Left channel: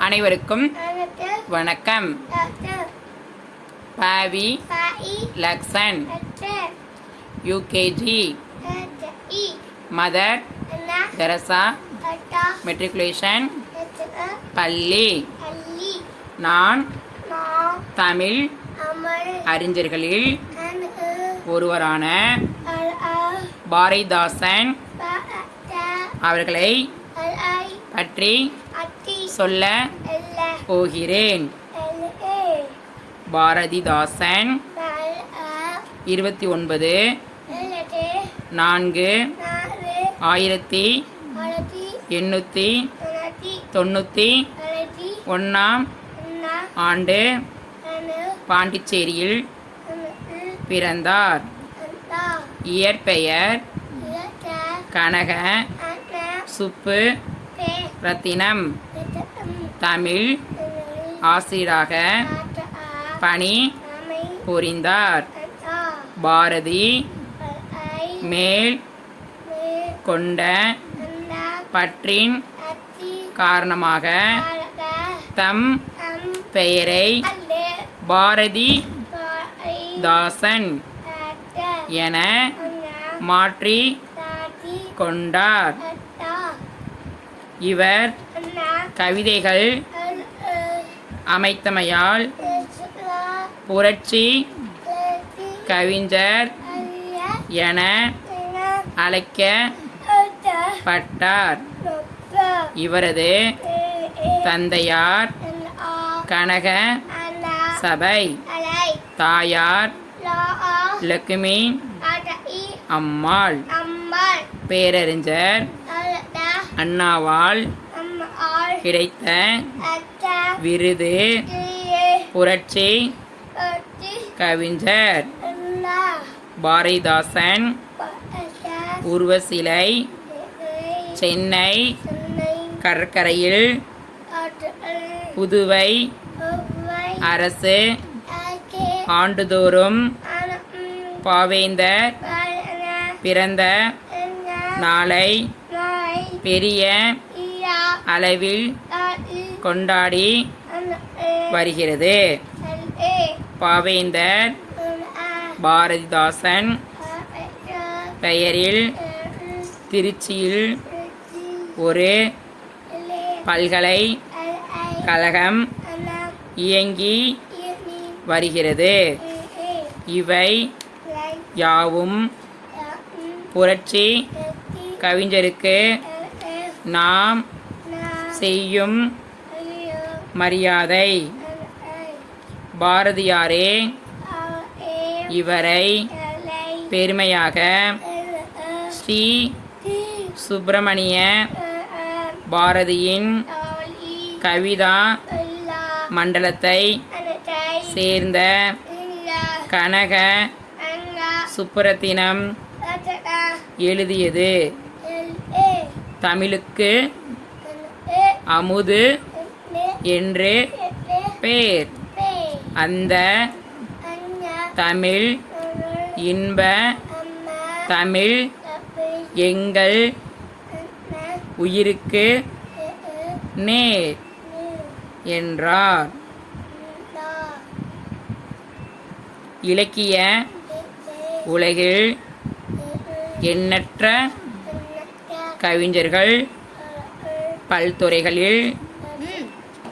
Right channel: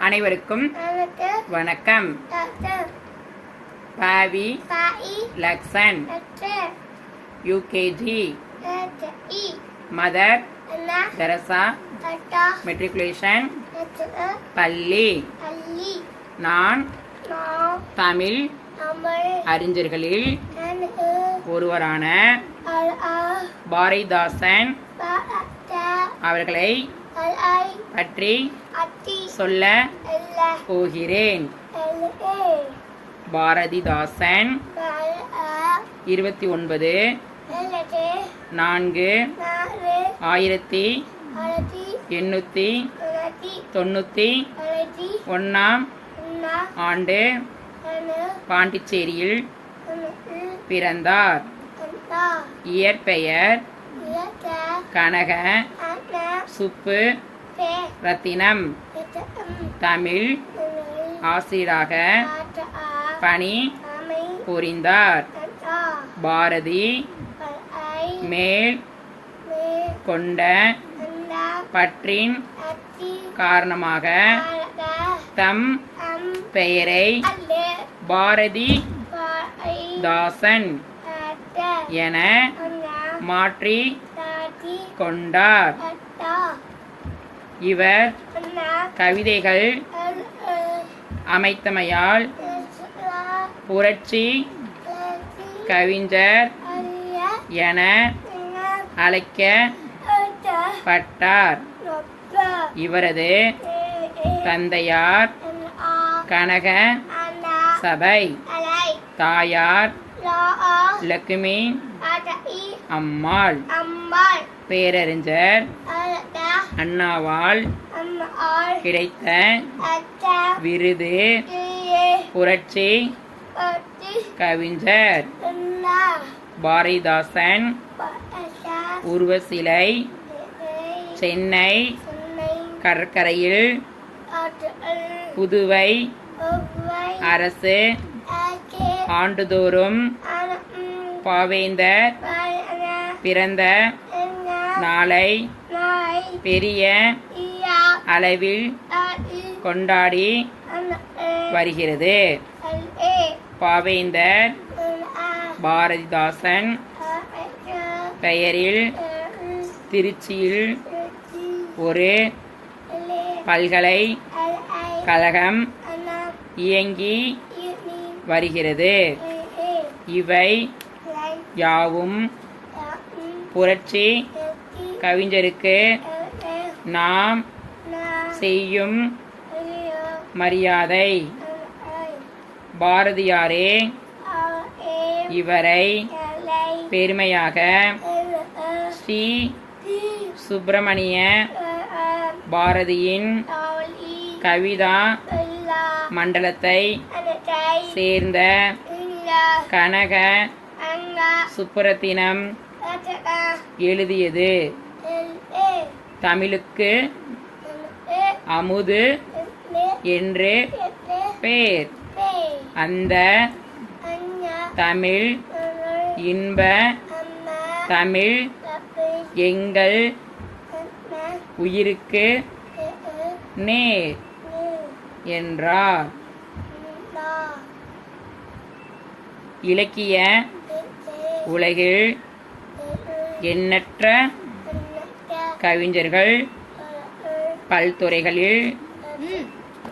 அனைவருக்கும் வணக்கம். Pavi Lakshan UKG Mother Teresa matriculation பள்ளி நான் தமிழ் அறிஞர்களில் ஒருவரான பாரதிதாசன் அவர்களை பற்றி சொல்ல போகிறேன். பாரதிதாசன் இருபத்தி ஒன்பது நான்கு ஆயிரத்தி எண்ணூற்றி தொண்ணூற்றி ஒன்றாம் ஆண்டு பாண்டிச்சேரியில் பிறந்தார். இயற்பெயர் கனக சுப்பு ரத்தினம். தமிழ். ஆசிரியராக ஆட்ட ஆ பணி புரிந்தார். பாரதி. மேல். கொண்ட. பற்றின். காரணமாக. தம். பெயரை. பாரதி. தாசன். என மாற்றி கொண்டார். இவர் கவிதைகள் அமைத்தமையால் புரட்சி கவிஞர் என அழைக்கப்பட்டார் இவரது தந்தையார் கனக சபை. தாயார் லக்ஷ்மி அம்மாள். பேரறிஞர் அண்ணாவால் கிடைத்த விருது புரட்சி கவிஞர் பாரதிதாசன் உருவசிலை சென்னை கடற்கரையில் புதுவை அரசு ஆண்டுதோறும் பாவேந்தர் பிறந்த நாளை பெரிய அளவில் கொண்டாடி வருகிறது. பாவேந்தர் பாரதிதாசன் பெயரில் திருச்சியில் ஒரு பல்கலைக்கழகம் இயங்கி வருகிறது. இவை யாவும் புரட்சி கவிஞருக்கு நாம் செய்யும் மரியாதை. பாரதியாரே இவரை பெருமையாக ஸ்ரீ சுப்பிரமணிய பாரதியின் கவிதா மண்டலத்தை சேர்ந்த கனக சுப்புரத்தினம் எழுதியது. தமிழுக்கு அமுது என்று பேர். அந்த தமிழ் இன்ப தமிழ் எங்கள் உயிருக்கு நேர் என்றார். இலக்கிய உலகில் எண்ணற்ற கவிஞர்கள் பல்துறைகளில்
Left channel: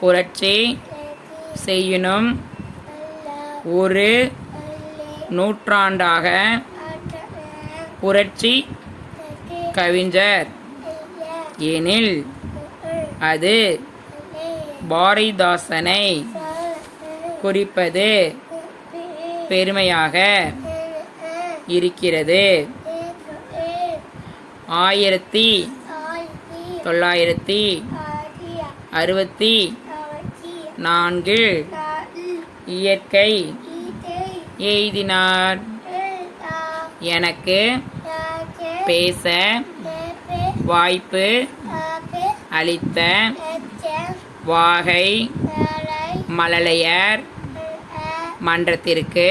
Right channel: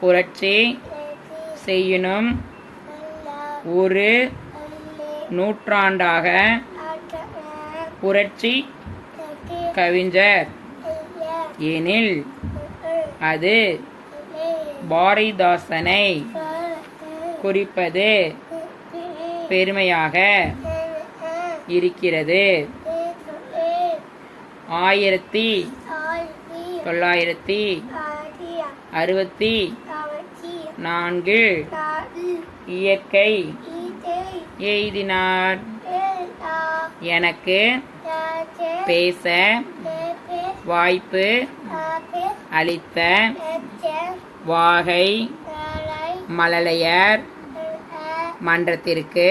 புரட்சி செய்யணும் ஒரு நூற்றாண்டாக புரட்சி கவிஞர். எனில் அது பாரதிதாசனை குறிப்பது பெருமையாக இருக்கிறது. ஆயிரத்தி தொள்ளாயிரத்தி அறுபத்தி நான்கு இயற்கை எய்தினார். எனக்கு பேச வாய்ப்பு அளித்த வாகை மழலையர் மன்றத்திற்கு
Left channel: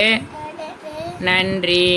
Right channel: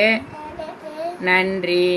நன்றி.